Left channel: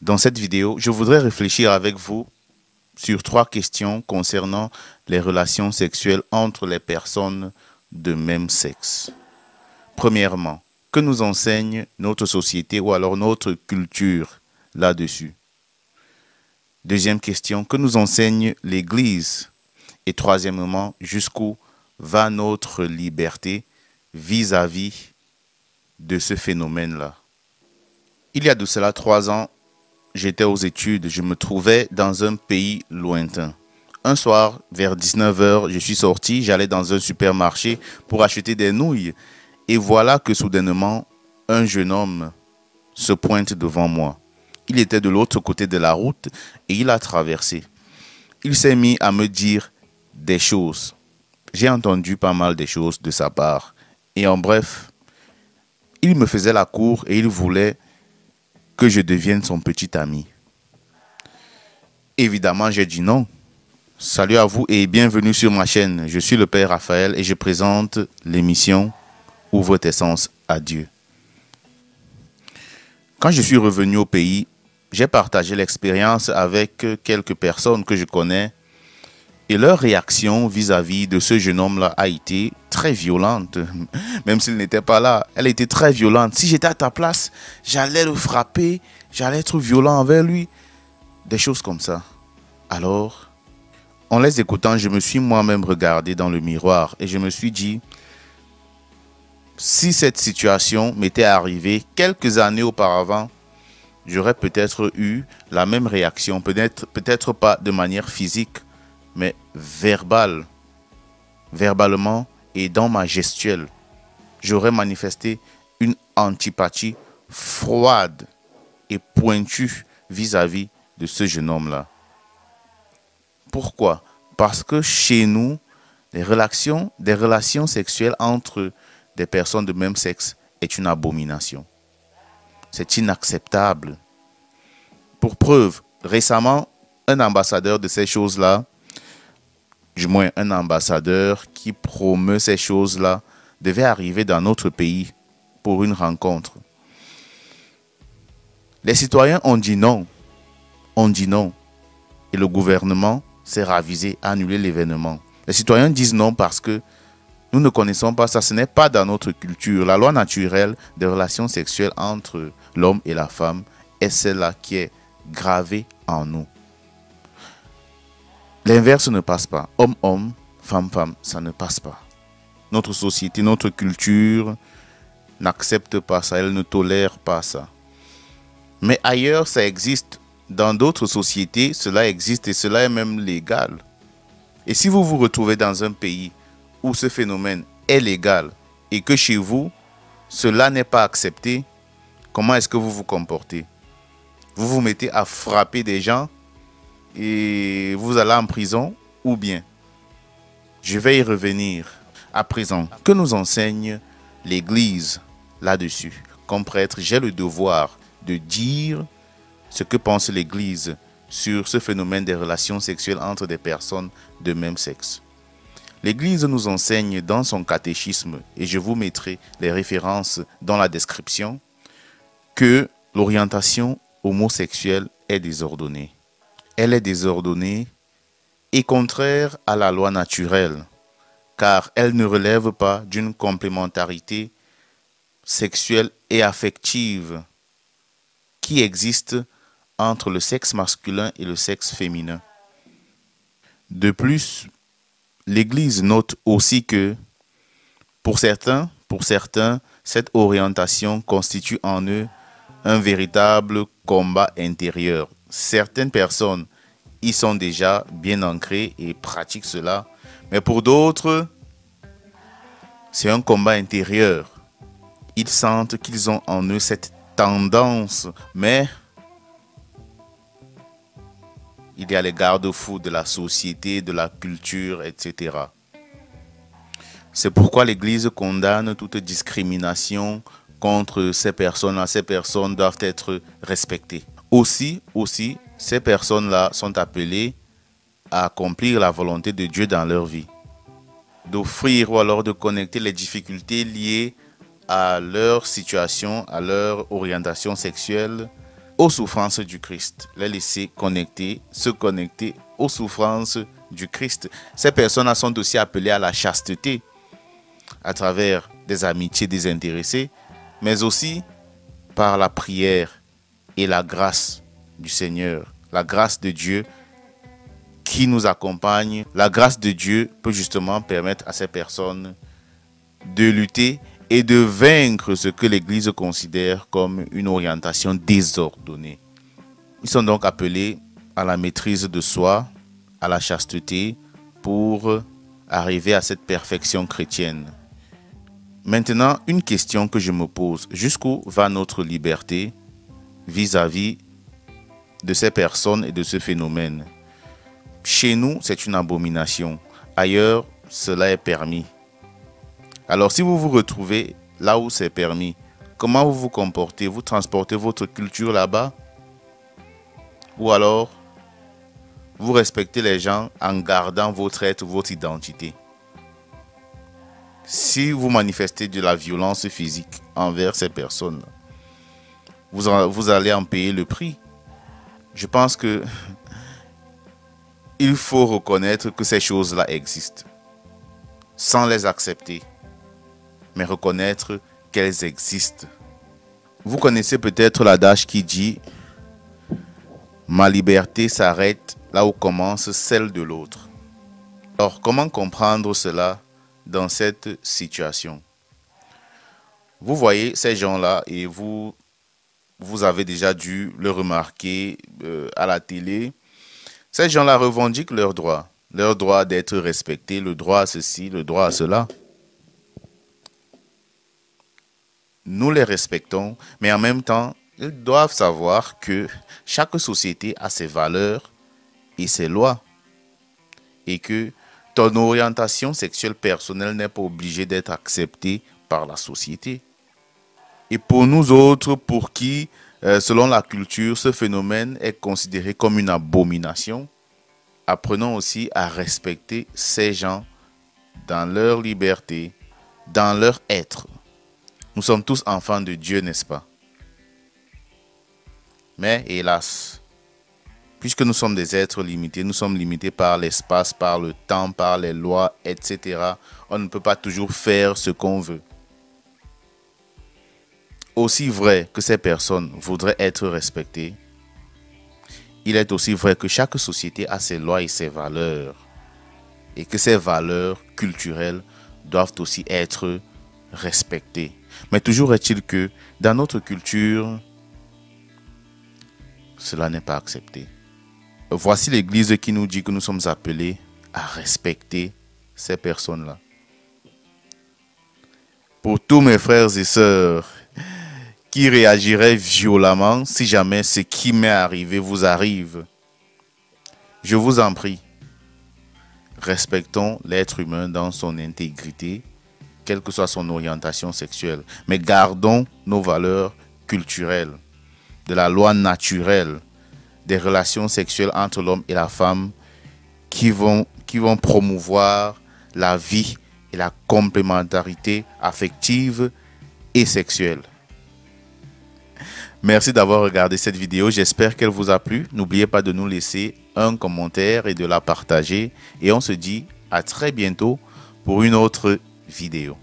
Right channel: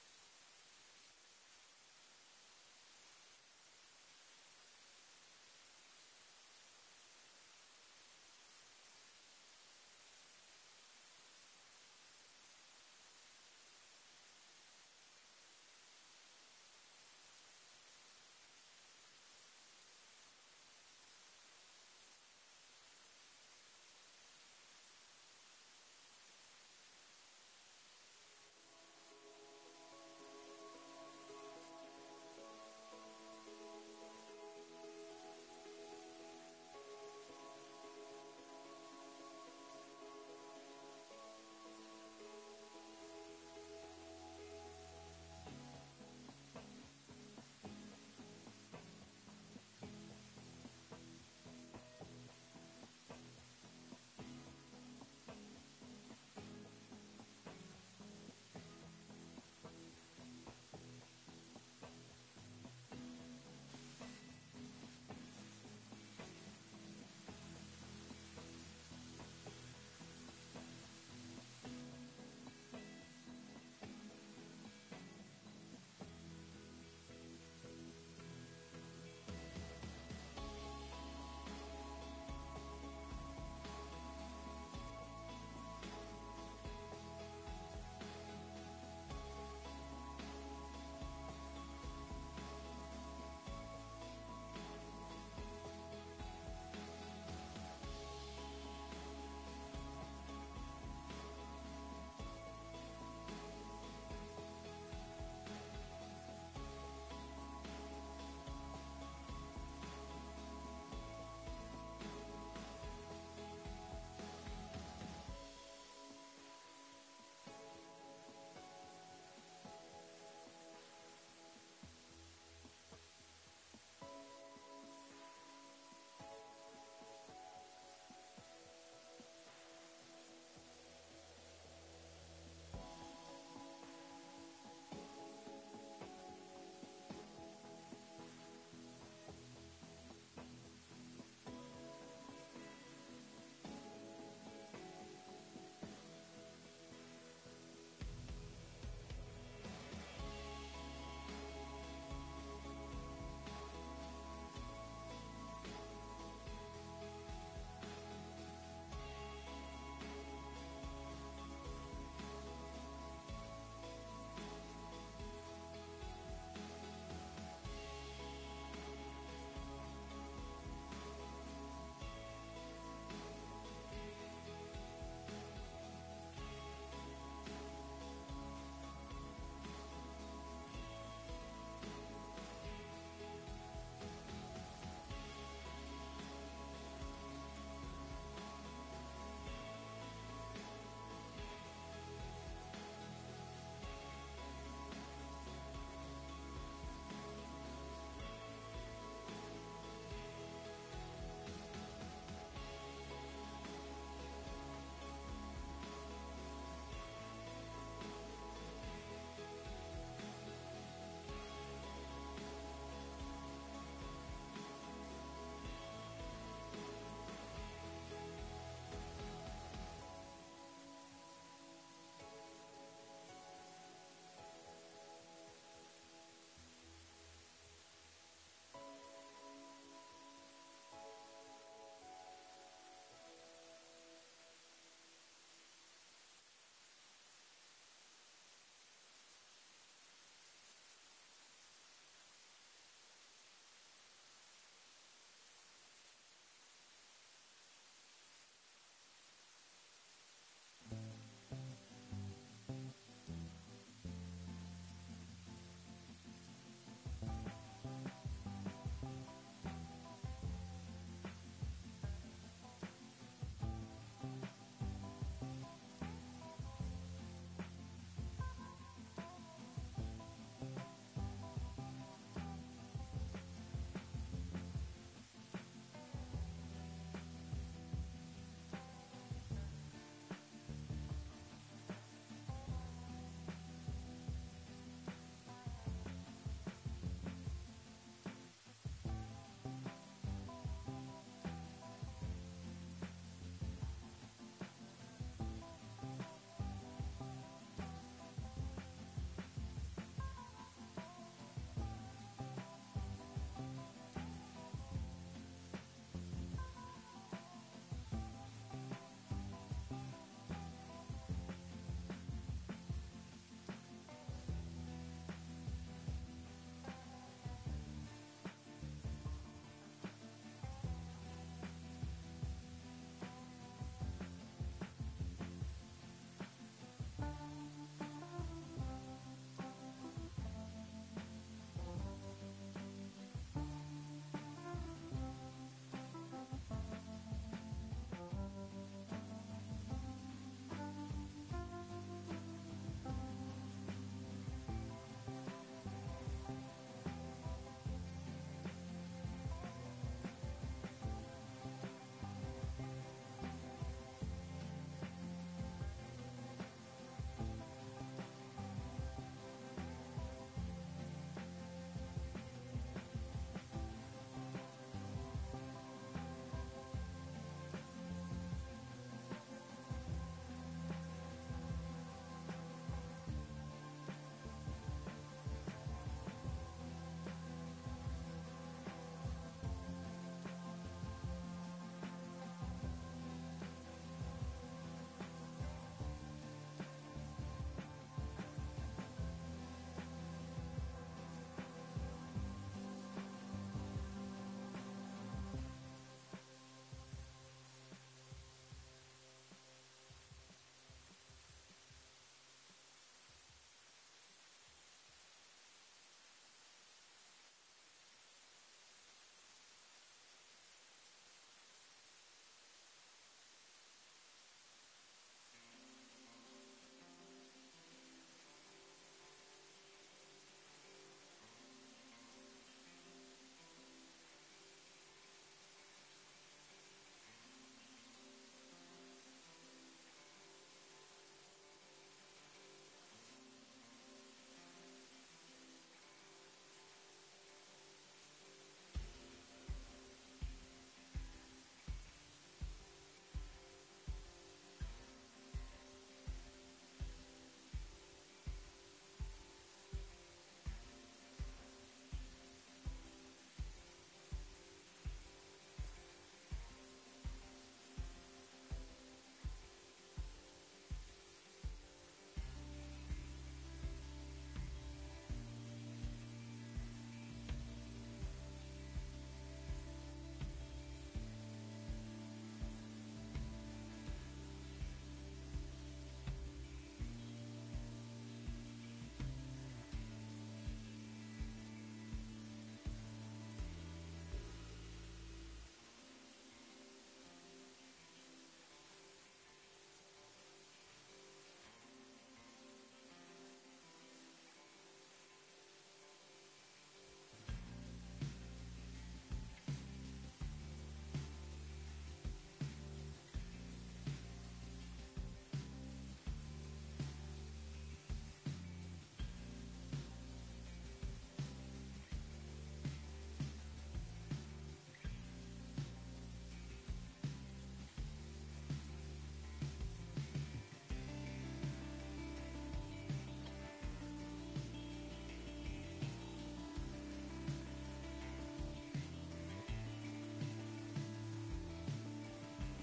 Dans cette vidéo, je voudrais réfléchir avec vous sur trois questions concernant les relations sexuelles entre les personnes de même sexe. Premièrement, que nous enseigne notre société ou alors notre culture là-dessus? Deuxième question, que nous enseigne l'Église? Et troisièmement, jusqu'où va notre liberté vis-à-vis de ce phénomène-là? Il y a de cela 3 ans, j'étais aux études, je me trouvais dans un pays lointain. Un soir, vers 19 heures, je suis sorti, j'allais dans un supermarché pour acheter des nouilles. Et voilà que soudainement, un jeune homme se pointe devant moi. Il était de l'autre côté de la route et il a traversé. Il s'est mis à me dire des choses. J'ai entendu pas mal de choses de sa part. Et en bref, il me faisait la cour et il voulait que je devienne son petit ami. Évidemment, j'ai dit non. Salut à vous et bienvenue sur ma chaîne. Je suis le Père Raphaël et je présente l'émission Ouvre tes sens à Dieu. Quand je suis revenu au pays, j'ai partagé l'expérience avec quelques personnes que je connais et leur réaction vis-à-vis de ce jeune homme-là a été très violente. Même s'il n'était pas là, elle était très violente. Si j'étais à ta place, j'allais le frapper, j'allais être violent envers lui. Des choses comme ça. Alors, en les écoutant, je me suis moi-même regardé dans le miroir et je me suis dit, si cette situation m'était arrivée quelques années auparavant, j'aurais peut-être eu la même réaction, peut-être pas de manière physique, mais verbalement et dans ma gestuelle. J'aurais manifesté une antipathie froide et pointue vis-à-vis de ce jeune homme-là. Pourquoi? Parce que chez nous, des relations sexuelles entre des personnes de même sexe est une abomination. C'est inacceptable. Pour preuve, récemment, un ambassadeur de ces choses-là, du moins un ambassadeur qui promeut ces choses-là, devait arriver dans notre pays pour une rencontre. Les citoyens ont dit non. On dit non. Et le gouvernement s'est ravisé à annuler l'événement. Les citoyens disent non parce que nous ne connaissons pas ça, ce n'est pas dans notre culture. La loi naturelle des relations sexuelles entre l'homme et la femme est celle-là qui est gravée en nous. L'inverse ne passe pas. Homme-homme, femme-femme, ça ne passe pas. Notre société, notre culture n'accepte pas ça, elle ne tolère pas ça. Mais ailleurs, ça existe. Dans d'autres sociétés, cela existe et cela est même légal. Et si vous vous retrouvez dans un pays où ce phénomène est légal et que chez vous, cela n'est pas accepté, comment est-ce que vous vous comportez? Vous vous mettez à frapper des gens et vous allez en prison ou bien? Je vais y revenir à présent. Que nous enseigne l'Église là-dessus? Comme prêtre, j'ai le devoir de dire ce que pense l'Église sur ce phénomène des relations sexuelles entre des personnes de même sexe. L'Église nous enseigne dans son catéchisme, et je vous mettrai les références dans la description, que l'orientation homosexuelle est désordonnée. Elle est désordonnée et contraire à la loi naturelle, car elle ne relève pas d'une complémentarité sexuelle et affective qui existe entre le sexe masculin et le sexe féminin. De plus, l'Église note aussi que pour certains, cette orientation constitue en eux un véritable combat intérieur. Certaines personnes y sont déjà bien ancrées et pratiquent cela, mais pour d'autres, c'est un combat intérieur. Ils sentent qu'ils ont en eux cette tendance, mais il y a les garde-fous de la société, de la culture, etc. C'est pourquoi l'Église condamne toute discrimination contre ces personnes-là. Ces personnes doivent être respectées. Aussi, ces personnes-là sont appelées à accomplir la volonté de Dieu dans leur vie. D'offrir ou alors de connecter les difficultés liées à leur situation, à leur orientation sexuelle aux souffrances du Christ, les laisser se connecter aux souffrances du Christ. Ces personnes sont aussi appelées à la chasteté à travers des amitiés désintéressées, mais aussi par la prière et la grâce du Seigneur, la grâce de Dieu qui nous accompagne. La grâce de Dieu peut justement permettre à ces personnes de lutter et de vaincre ce que l'Église considère comme une orientation désordonnée. Ils sont donc appelés à la maîtrise de soi, à la chasteté, pour arriver à cette perfection chrétienne. Maintenant, une question que je me pose, jusqu'où va notre liberté vis-à-vis de ces personnes et de ce phénomène? Chez nous, c'est une abomination. Ailleurs, cela est permis. Alors, si vous vous retrouvez là où c'est permis, comment vous vous comportez? Vous transportez votre culture là-bas? Ou alors, vous respectez les gens en gardant votre être, votre identité? Si vous manifestez de la violence physique envers ces personnes, vous allez en payer le prix. Je pense que il faut reconnaître que ces choses-là existent, sans les accepter, mais reconnaître qu'elles existent. Vous connaissez peut-être l'adage qui dit « Ma liberté s'arrête là où commence celle de l'autre ». Alors, comment comprendre cela dans cette situation? Vous voyez ces gens-là et vous avez déjà dû le remarquer à la télé. Ces gens-là revendiquent leurs droits d'être respectés, le droit à ceci, le droit à cela. Nous les respectons, mais en même temps, ils doivent savoir que chaque société a ses valeurs et ses lois. Et que ton orientation sexuelle personnelle n'est pas obligée d'être acceptée par la société. Et pour nous autres, pour qui, selon la culture, ce phénomène est considéré comme une abomination, apprenons aussi à respecter ces gens dans leur liberté, dans leur être. Nous sommes tous enfants de Dieu, n'est-ce pas? Mais hélas, puisque nous sommes des êtres limités, nous sommes limités par l'espace, par le temps, par les lois, etc. On ne peut pas toujours faire ce qu'on veut. Aussi vrai que ces personnes voudraient être respectées, il est aussi vrai que chaque société a ses lois et ses valeurs. Et que ces valeurs culturelles doivent aussi être respectées. Mais toujours est-il que dans notre culture, cela n'est pas accepté. Voici l'Église qui nous dit que nous sommes appelés à respecter ces personnes-là. Pour tous mes frères et sœurs qui réagiraient violemment si jamais ce qui m'est arrivé vous arrive, je vous en prie, respectons l'être humain dans son intégrité, quelle que soit son orientation sexuelle, mais gardons nos valeurs culturelles, de la loi naturelle, des relations sexuelles entre l'homme et la femme qui vont promouvoir la vie et la complémentarité affective et sexuelle. Merci d'avoir regardé cette vidéo, j'espère qu'elle vous a plu. N'oubliez pas de nous laisser un commentaire et de la partager. Et on se dit à très bientôt pour une autre vidéo.